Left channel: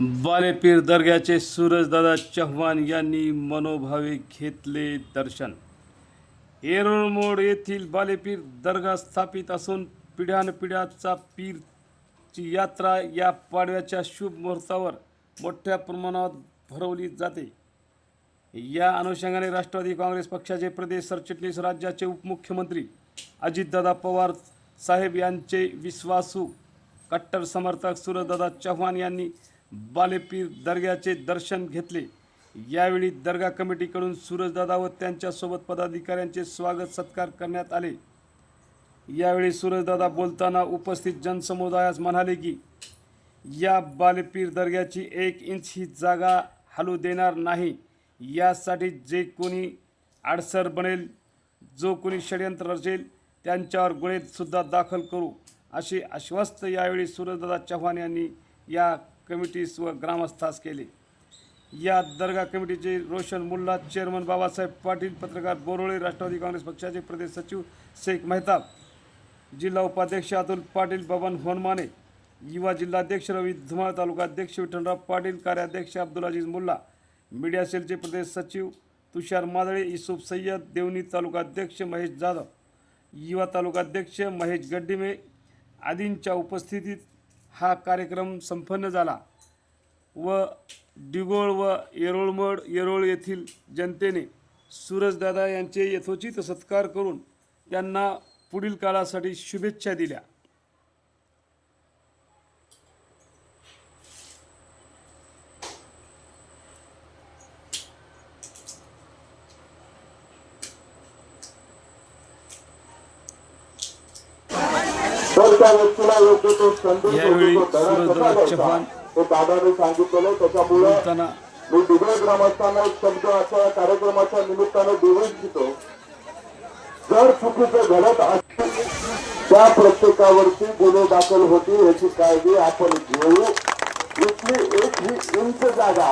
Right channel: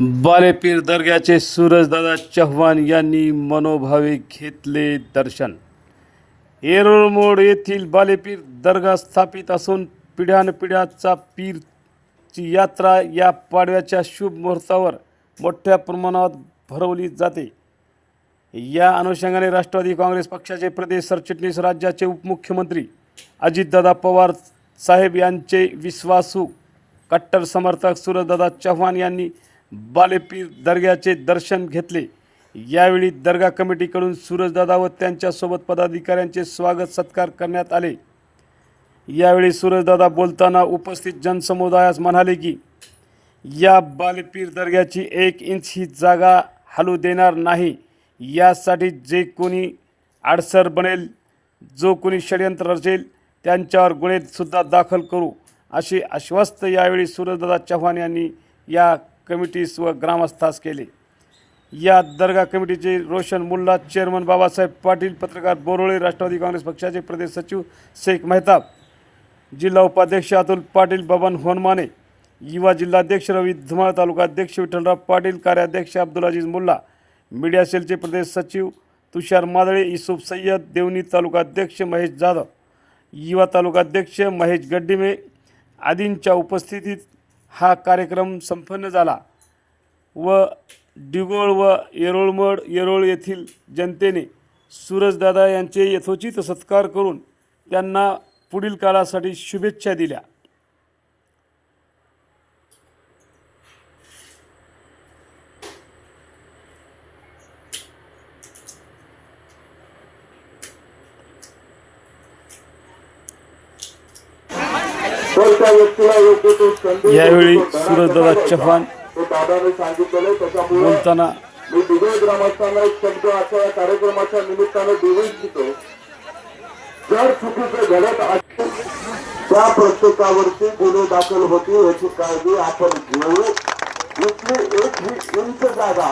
बालेपीर दर्ग्याचे सूरजदादा चव्हाण यांनी मनोभावे घेतले दर्शन. येरोळमोड येथील बालेपीर दर्गा स्थापित असून पिढ्यानपिढ्याचा पीरची यात्रा या पाडव्याच्या शुभ मुहूर्तावर मोठ्या प्रमाणात भरवली जाते. या अनुषंगाने राष्ट्रवादी काँग्रेस पक्षाचे प्रदेश सरचिटणीस राज्याचे उपमुख्यमंत्री अजितदादा पवार साहेब यांचे विश्वासू कट्टर समर्थक सूरजदादा चव्हाण यांनी बालेपीर दर्ग्याचे दर्शन घेतले. यावेळी दर्गा कमिटीकडून सूरजदादा व त्यांच्यासोबत पदाधिकाऱ्यांचे स्वागत सत्कार करण्यात आले. यावेळी सूरजदादा बोलताना उपस्थित जनसमुदायास म्हणाले की या बालेपीर दर्ग्याची एक इंच ही जागा हलू देणार नाही. यासाठी जे कोणी आडसर बनेल जो कोणी षडयंत्र रचेल त्यांच्यावर गुन्हेसुद्धा दाखल करू असे आश्वस्त यावेळी सूरजदादा चव्हाण यांनी या कमिटीस व ग्रामस्थास केले. या दर्गा कमिटीचे रोशन मुल्ला चेअरमन बाबासाहेब पाटील पत्रकार बोरोळे राष्ट्रवादी काँग्रेस पक्षाचे प्रदेश सचिव शेख मेहताब जिल्हा उपाध्यक्ष अतुल पाटील बबन होनमाने युवा जिल्हाध्यक्ष रवी धुमाळ तालुकाध्यक्ष विठ्ठलराव पाटील कार्याध्यक्ष अब्दुल अजीज मुल्ला मीडिया सेलचे प्रदेश सचिव तुषार मादळे युसुफ सय्यद देवणी तालुकाध्यक्ष महेश जाधव युवा तालुकाध्यक्ष महेश गड्डिमे आदींच्या उपस्थितीत हा कार्यक्रम संपन्न झाला व डिगोळ व येरोळमड येरोळ येथील जनतेने सूरजदादा यांचे यथोचित सत्कार करून त्यांना पुढील काळासाठी शुभेच्छा दिल्या तर त्या व्यक्तीला योग्य तो संदेश यावेळी सूरजदादा चव्हाण हे बोलताना मी दिवे ग्रामस्थांना एक शब्द असा या कार्यक्रमाच्या निमित्ताने देऊ इच्छितो. जर चुकीचं घडत असेल त्या प्रत्येकावरती गुन्हे दाखल होतील याची काळजी आपण घेऊ. इथली एक ही इंच जागा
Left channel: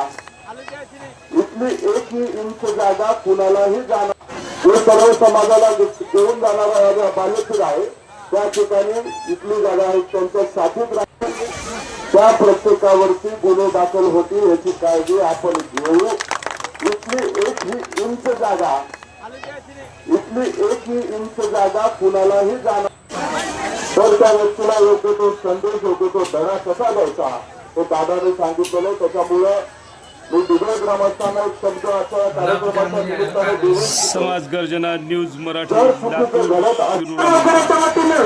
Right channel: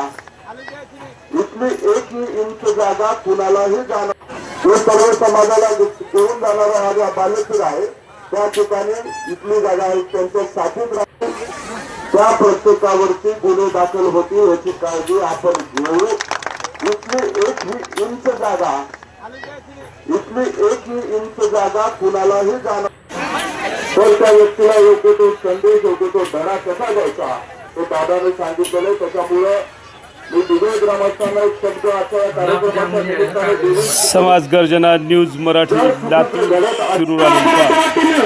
इथली एक ही इंच जागा कुणालाही जाणार. जो सर्व समाजाला देऊन जाणारा हा बालेश्वर आहे त्या ठिकाणी इथली जागा आहे. त्यांच्या साथीत त्या प्रत्येकावरती गुन्हे दाखल होतील याची काळजी आपण घेऊ. इथली एक ही इंच जागा इथली एक ही इंच जागा कुणालाही जाणार तर त्या व्यक्तीला योग्य तो संदेश योग्य तो धडा कसा द्यायचा हे दादाने सांगितलेलं आहे. त्याच्यामुळे मी दुबई ग्रामस्थांना एक शब्द असा या कार्यक्रमाच्या समाज गर्जना न्यूज मराठी लातूर शिरूर